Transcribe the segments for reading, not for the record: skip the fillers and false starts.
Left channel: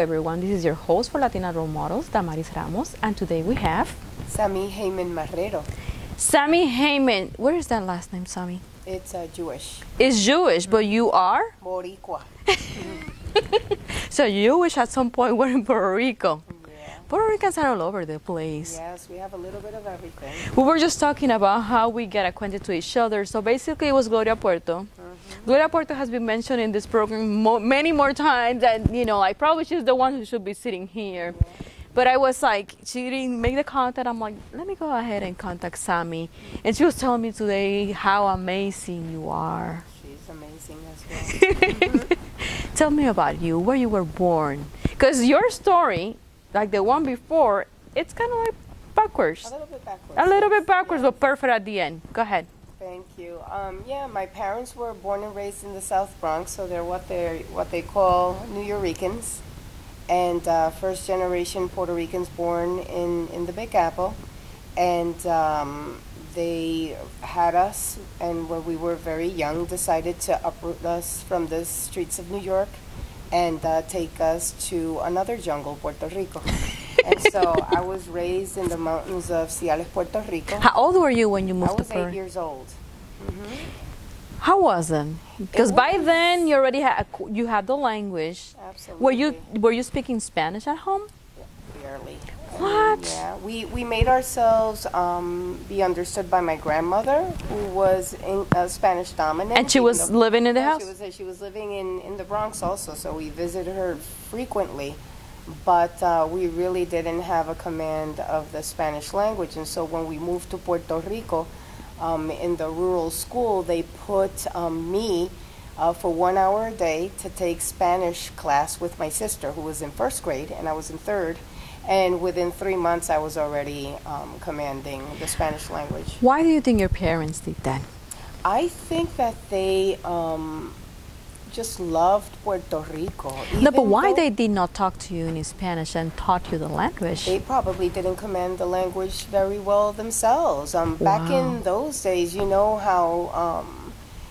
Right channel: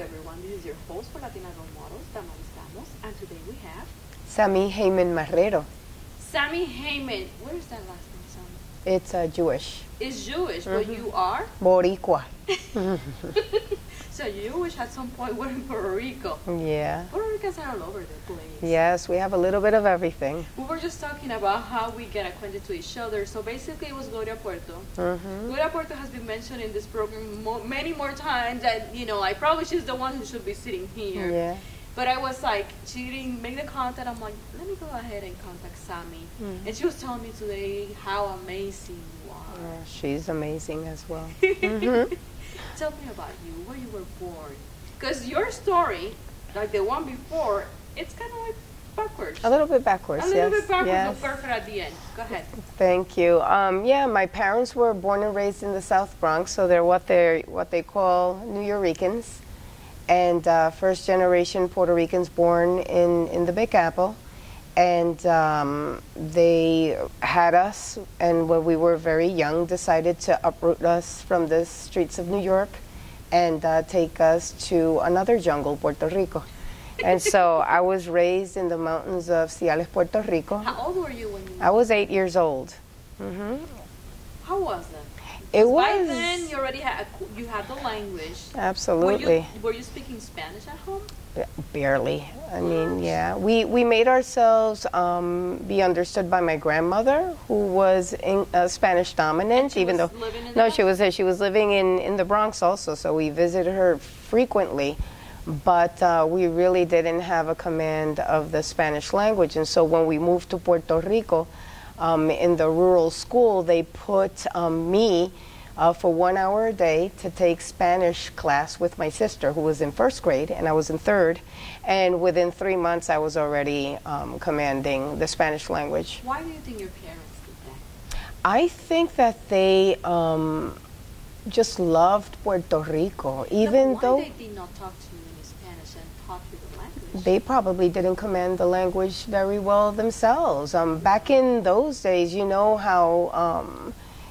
everyone, this is your host for Latina Role Models, Damaris Ramos, and today we have Sami, Haiman, Marrero. Sami Haiman. Where is that last name, Sami? It's Jewish. It's Jewish, but you are? Boricua. So you wish at some point were in Puerto Rico. Yeah. Puerto Ricans are all over the place. Yes, we have a little bit of everything. We were just talking about how we get acquainted to each other. So basically it was Gloria Puerto. Gloria Puerto has been mentioned in this program many more times, and you know, like probably she's the one who should be sitting here. Yeah. But I was like, she didn't make the contact. I'm like, let me go ahead and contact Sami. And she was telling me today how amazing you are. She's amazing as well. Tell me about you, where you were born. Because your story, like the one before, it's kind of like backwards. A little bit backwards. A little bit backwards, yes. but perfect at the end. Go ahead. Thank you. Yeah, my parents were born and raised in the South Bronx, so they're what they call New Yorkers. And first generation Puerto Ricans born in the Big Apple. And they had us, and when we were very young, decided to uproot us from the streets of New York and take us to another jungle, Puerto Rico. And so I was raised in the mountains of Ciales, Puerto Rico. How old were you when you moved? I was to 8 years old. How was it? Because by then you already had the language. Absolutely. Were you speaking Spanish at home? Barely. I What? mean, yeah, we made ourselves be understood by my grandmother, who was Spanish dominant. And she was living in the house? She was living in the Bronx also, so we visited her frequently. But we really didn't have a command of the Spanish language, and so when we moved to Puerto Rico, in the rural school, they put me for 1 hour a day to take Spanish class with my sister, who was in first grade, and I was in third. And within 3 months, I was already commanding the Spanish language. Why do you think your parents did that? I think that they just loved Puerto Rico. No, but why they did not talk to you in Spanish and taught you the language? They probably didn't command the language very well themselves. Back in those days, you know how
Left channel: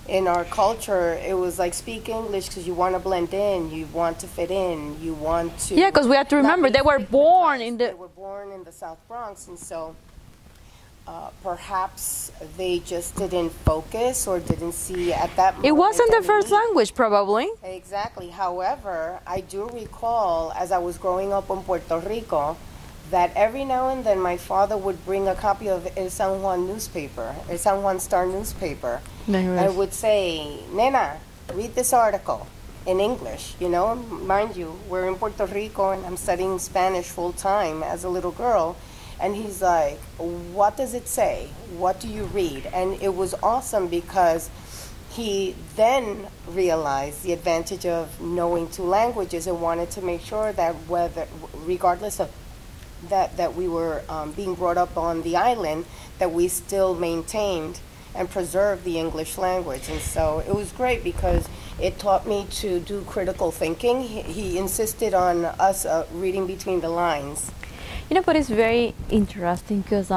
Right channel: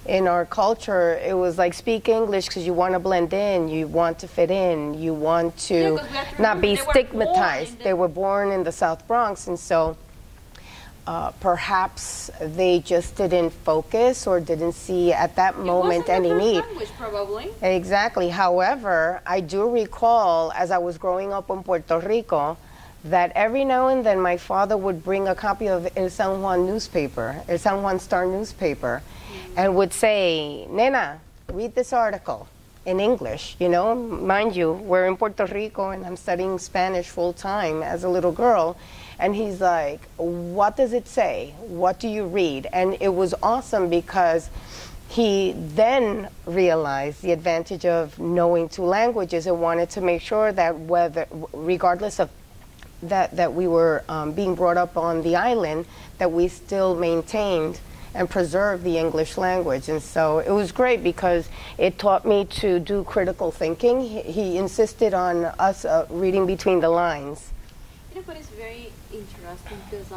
in our culture it was like speak English because you want to blend in, you want to fit in, you want to. Yeah, because we have to remember they were born in the. They were born in the South Bronx, and so. Perhaps they just didn't focus or didn't see at that moment. It wasn't their first need. language, probably. Exactly. However, I do recall as I was growing up in Puerto Rico that every now and then my father would bring a copy of El San Juan newspaper, El San Juan Star newspaper, and would say, Nena, read this article in English. You know, mind you, we're in Puerto Rico and I'm studying Spanish full time as a little girl. And he's like, what does it say? What do you read? And it was awesome because he then realized the advantage of knowing two languages and wanted to make sure that regardless of that we were being brought up on the island, that we still maintained and preserved the English language. And so it was great because it taught me to do critical thinking. He insisted on us reading between the lines. You know, but it's very interesting because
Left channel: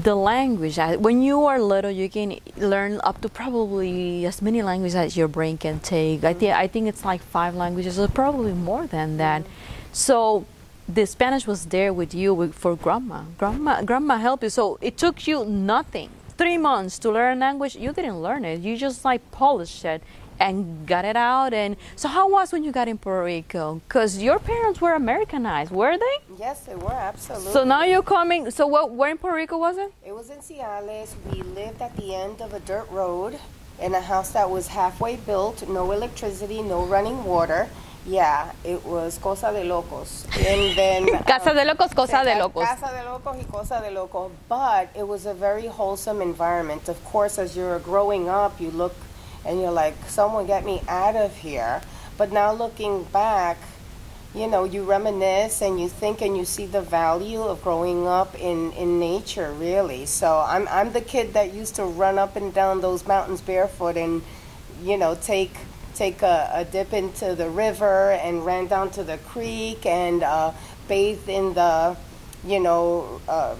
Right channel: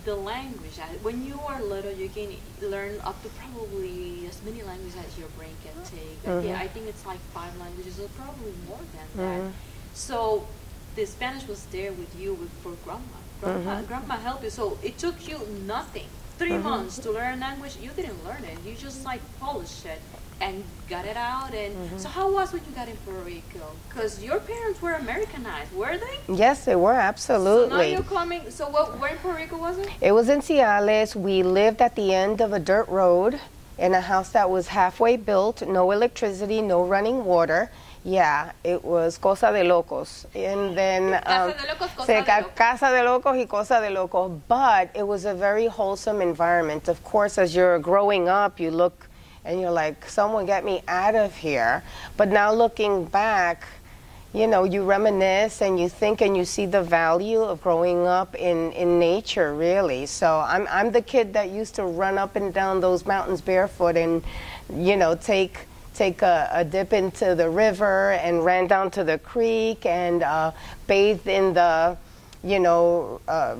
the language, when you are little, you can learn up to probably as many languages as your brain can take. I think it's like 5 languages, or probably more than that. So the Spanish was there with you for grandma. Grandma helped you. So it took you nothing, 3 months to learn a language. You didn't learn it. You just like polished it and got it out. And so how was when you got in Puerto Rico? Because your parents were Americanized, were they? Yes, they were, absolutely. So now you're coming, so where in Puerto Rico was it? It was in Ciales. We lived at the end of a dirt road in a house that was halfway built, no electricity, no running water. Yeah, it was cosa de locos. And then Casa de locos, cosa de locos. Casa de locos y cosa de locos. But it was a very wholesome environment. Of course, as you're growing up, you look and you're like, someone get me out of here. But now looking back, you know, you reminisce and you think and you see the value of growing up in nature, really. So I'm the kid that used to run up and down those mountains barefoot and, you know, take a dip into the river and ran down to the creek and bathed in the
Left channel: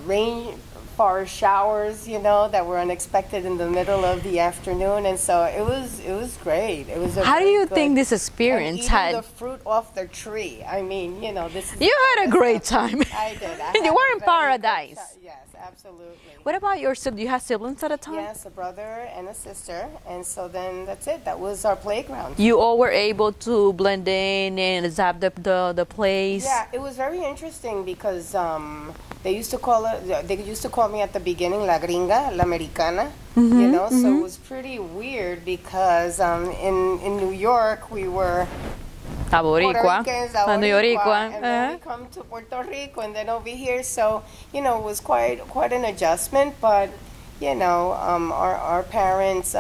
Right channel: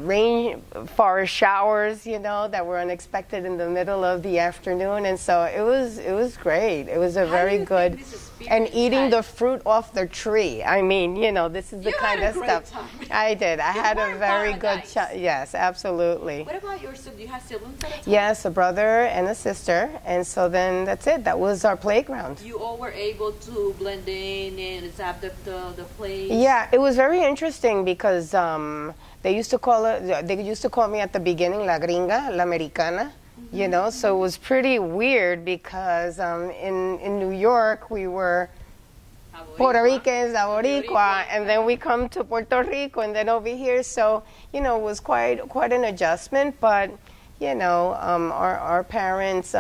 rainforest showers, that were unexpected in the middle of the afternoon, and so it was great. It was a How very do you good, think this experience? and eating the fruit off the tree. I mean, this is you the had kind a of great stuff. time. I did. I had You were a in very paradise. good yes, absolutely. What about your siblings? Do you have siblings at a time? Yes, a brother and a sister, and so then that's it. That was our playground. You all were able to blend in and adapt the place. Yeah, it was very interesting because they used to call me at the beginning La Gringa, La Americana. So it was pretty weird because in New York we were Puerto Ricans, and then we come to Puerto Rico, and then over here, so it was quite an adjustment, but our parents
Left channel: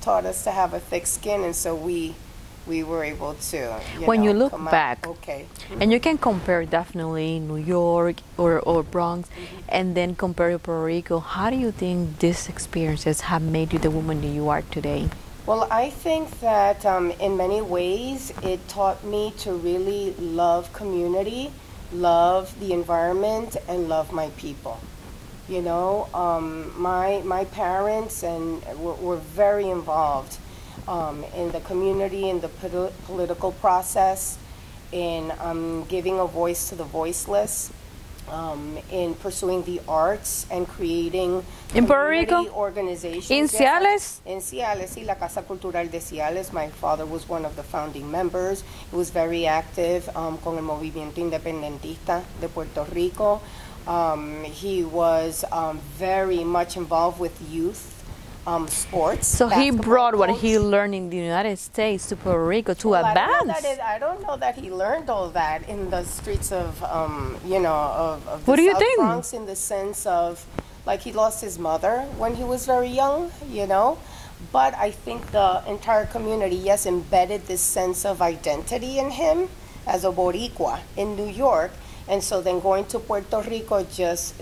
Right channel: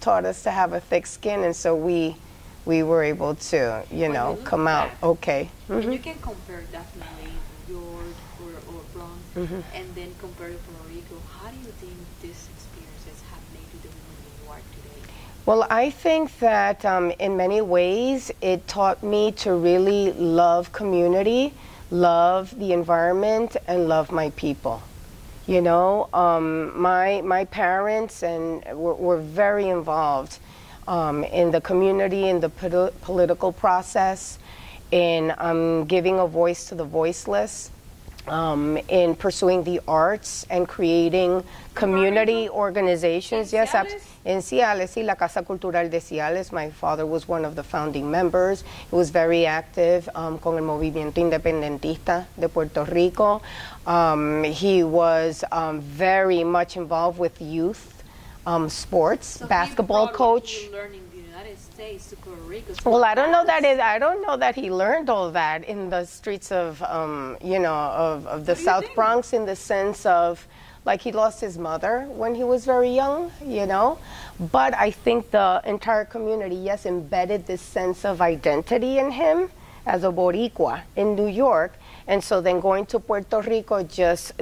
taught us to have a thick skin, and so we were able to when you look come back, out okay. And you can compare definitely New York or Bronx, and then compare to Puerto Rico. How do you think these experiences have made you the woman that you are today? Well, I think that in many ways it taught me to really love community, love the environment, and love my people. My parents were very involved in the community, in the political process, in giving a voice to the voiceless, in pursuing the arts and creating community organizations. In Ciales? En Ciales, sí, la Casa Cultural de Ciales. My father was one of the founding members. He was very active con el movimiento independentista de Puerto Rico. He was very much involved with youth. Sports. So he brought what he learned in the United States to Puerto Rico to advance. I don't know that he learned all that in the streets of of the South Bronx, in the sense of like he lost his mother when he was very young, But I think the entire community, yes, embedded this sense of identity in him as a Boricua in New York, and so then going to Puerto Rico just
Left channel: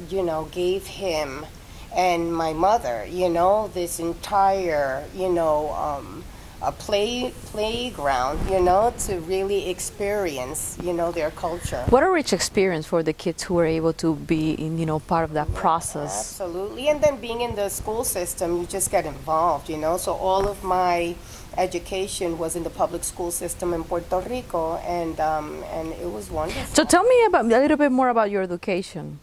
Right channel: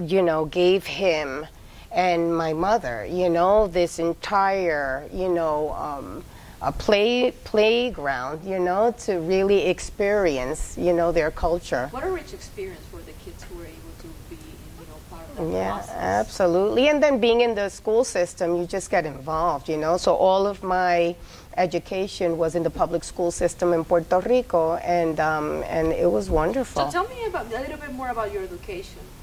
gave him and my mother, this entire, a playground, to really experience, their culture. What a rich experience for the kids who were able to be, part of that process. Absolutely. And then being in the school system, you just get involved, So all of my education was in the public school system in Puerto Rico, and it was wonderful. So tell me a little bit more about your education.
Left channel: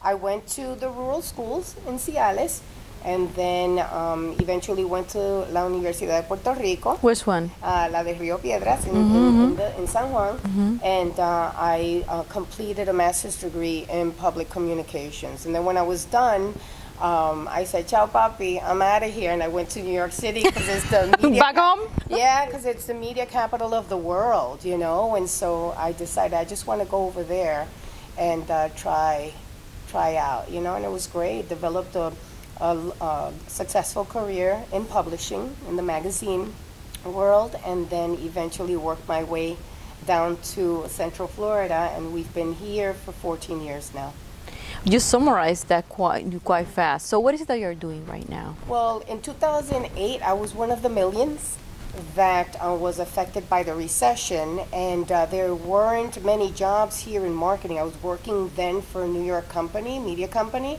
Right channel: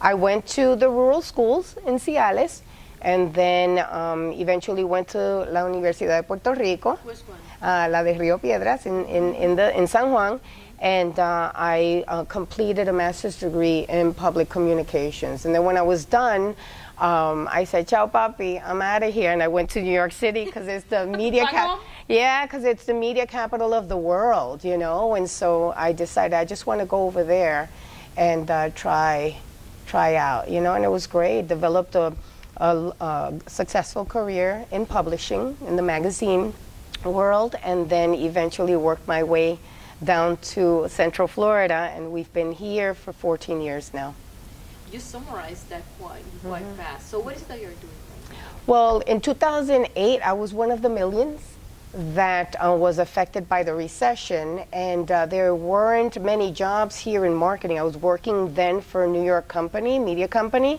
I went to the rural schools in Ciales, and then eventually went to la Universidad de Puerto Rico. Which one? La de Rio Piedras in San Juan, and I completed a master's degree in public communications. And then when I was done, I said, "Ciao, papi, I'm out of here," and I went to New York City because it's the media. Because it's the media capital of the world, And so I decided I just want to go over there and try out, And it was great. Developed a successful career in publishing in the magazine world, and then eventually worked my way down to Central Florida, and we've been here for 14 years now. You summarized that quite fast. So what is it that you're doing right now? Well, in 2008, I was one of the millions that was affected by the recession, and there weren't many jobs here in marketing. I was working then for a New York media company,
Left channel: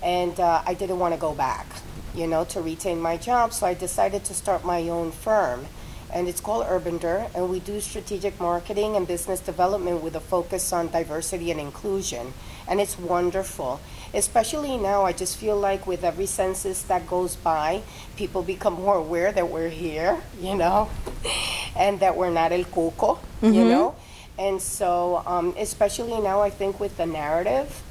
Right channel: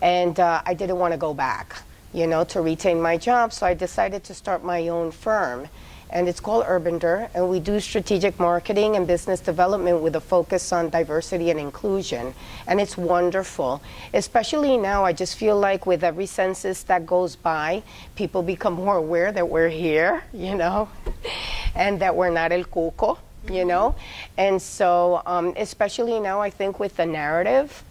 and I didn't want to go back, to retain my job, so I decided to start my own firm. And it's called Urbander, and we do strategic marketing and business development with a focus on diversity and inclusion. And it's wonderful. Especially now, I just feel like with every census that goes by, people become more aware that we're here, and that we're not el cuco, And so, especially now, I think with the narrative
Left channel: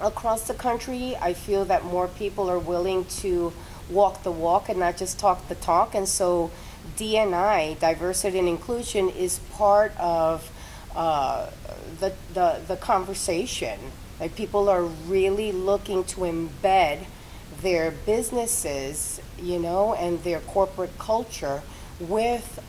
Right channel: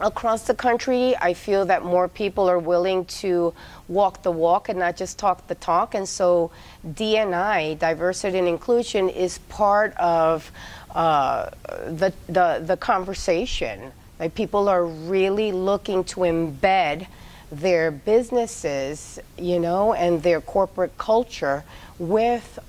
across the country, I feel that more people are willing to walk the walk and not just talk the talk. And so D&I, diversity and inclusion, is part of the conversation. Like, people are really looking to embed their businesses, and their corporate culture with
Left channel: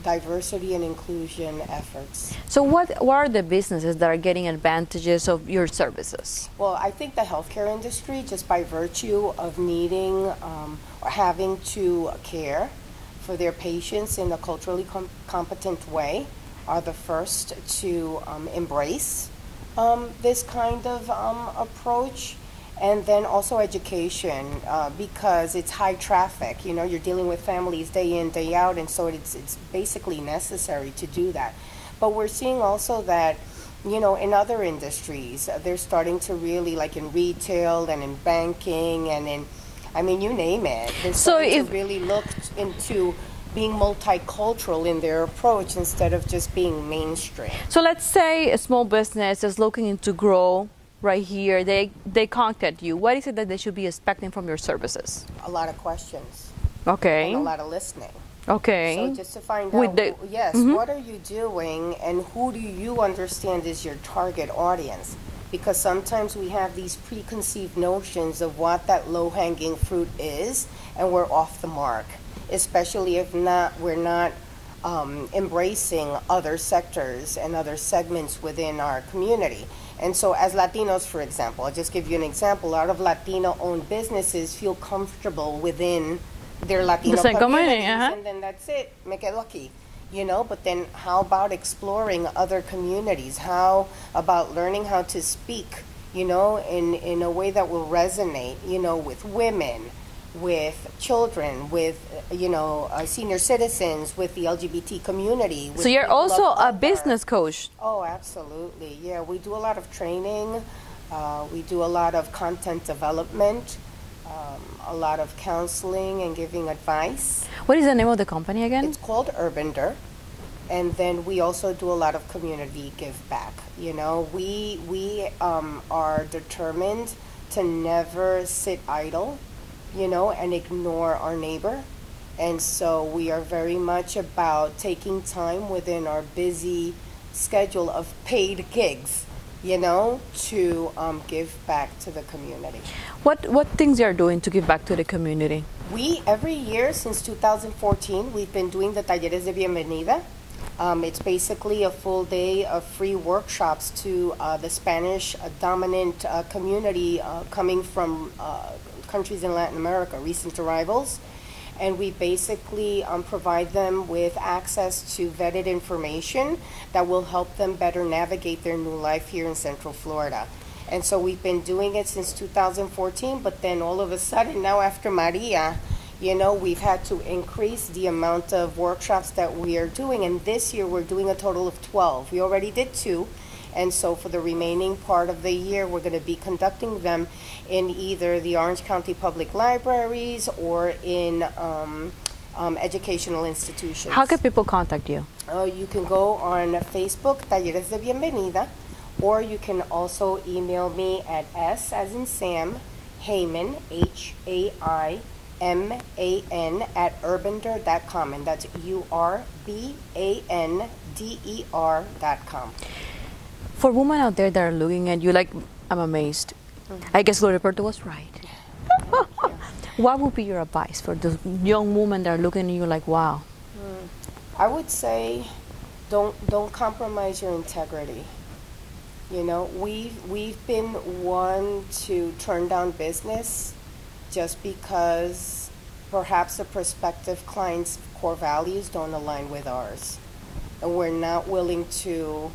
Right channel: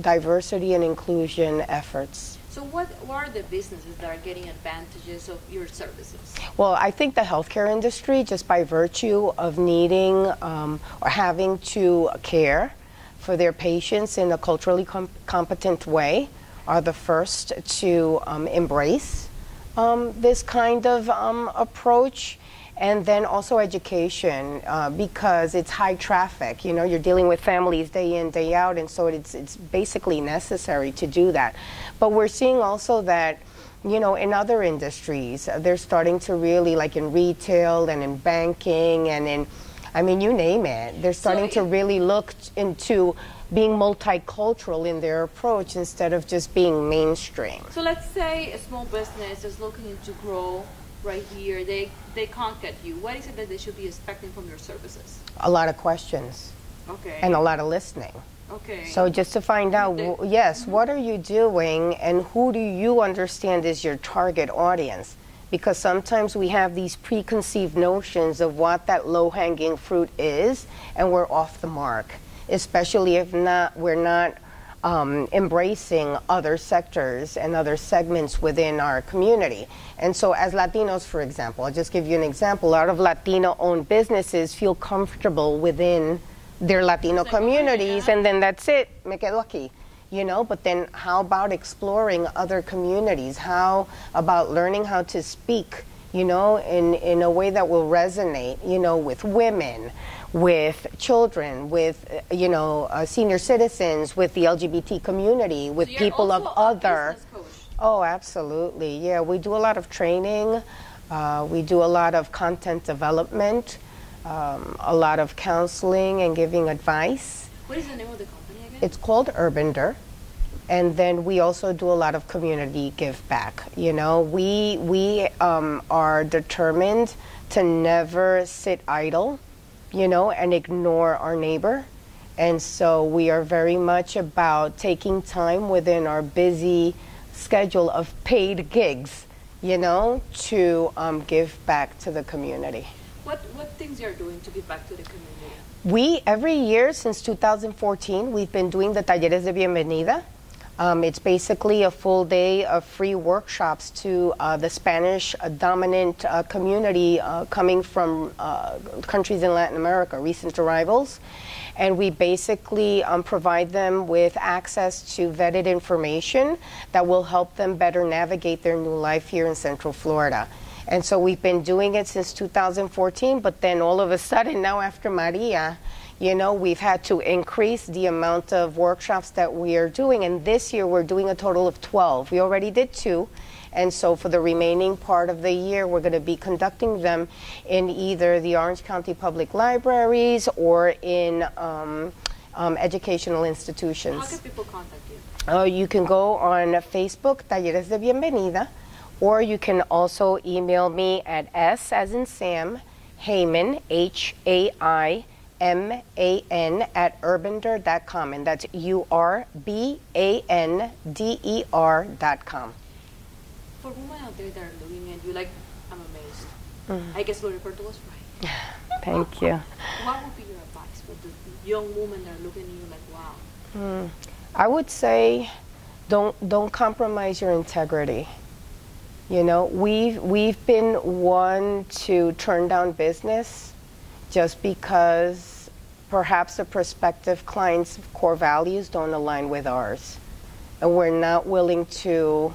diversity and inclusion efforts. So what are the businesses that are getting advantages of your services? Well, I think the healthcare industry, just by virtue of needing or having to care for their patients in a culturally competent way, are the first to embrace this kind of approach. And then also education, because it's high traffic. You know, you're dealing with families day in, day out, and so it's basically necessary to do that. But we're seeing also that, you know, in other industries, they're starting to really, like in retail and in banking and in, I mean, you name it. They're starting to really look into being multicultural in their approach instead of just being mainstream. So let's say a small business is looking to grow right here. They contact you. What is it that they should be expecting from your services? A lot of questions. Okay. And a lot of listening. Okay. So just to find out, yes, what are you doing and who do you understand is your target audience? Because sometimes we have these preconceived notions of what that low-hanging fruit is, and we're off the mark, especially if we're not embracing other sectors and other segments within our community. And so as Latinos, for example, I'll just give you an example. A lot of Latino-owned businesses feel comfortable within their Latino communities, and then that's it, me quedo aquí, you know? But then how about exploring other communities? How about learning how to speak, you know, in a way that will resonate, you know, with women, with children, with, you know, senior citizens, with the LGBT community, with so you're people also of a other. business coach. Oh, absolutely. Yeah, we do a lot of training. We do a lot of content development, a lot of counseling and giving advice. What is the name of the company again? It's called Urbender. And then we also do a lot of community give back. You know, we are determined to never sit idle, you know, and ignore our neighbor. And so we are very much about taking time within our busy schedule of paid gigs, you know, to give back to the community. What things you are doing to give back to the community? We, every year since 2014, we've been doing the Talleres de Bienvenida. It's basically a full day of free workshops to the Spanish dominant community coming from countries in Latin America, recent arrivals. And we basically provide them with access to vetted information that will help them better navigate their new life here in Central Florida. And so we've been doing it since 2014, but then all of a sudden now after Maria, you know, we've had to increase the amount of workshops that we are doing. And this year we're doing a total of 12. We already did 2. And so for the remaining part of the year, we're going to be conducting them in either the Orange County Public Libraries or in educational institutions. How can people contact you? You can go on Facebook, Talleres de Bienvenida, or you can also email me at S as in Sam, Haiman, Haiman, at urbender.com, and that's URBANDER.com. For women out there that are looking at you like, I'm amazed. I guess Roberto was right. Thank you. What would be your advice for the young women that are looking at you like, wow? I would say don't compromise your integrity. You know, we've been one to turn down business just because perhaps the prospective client's core values don't align with ours. And we're not willing to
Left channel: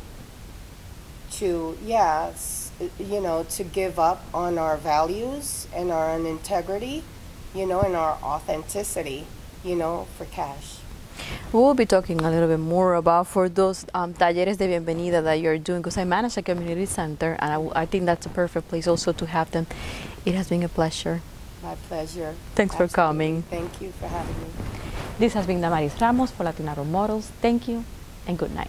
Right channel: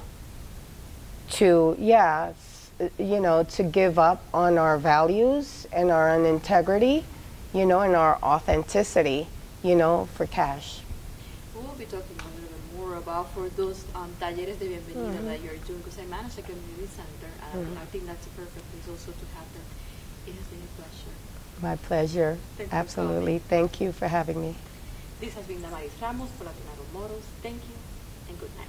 give up on our values and our integrity, you know, and our authenticity, you know, for cash. We will be talking a little bit more about for those talleres de bienvenida that you're doing, because I manage a community center, and I think that's a perfect place also to have them. It has been a pleasure. My pleasure. Thanks for coming. Thank you for having me. This has been Damaris Ramos for Latina Role Models. Thank you and good night.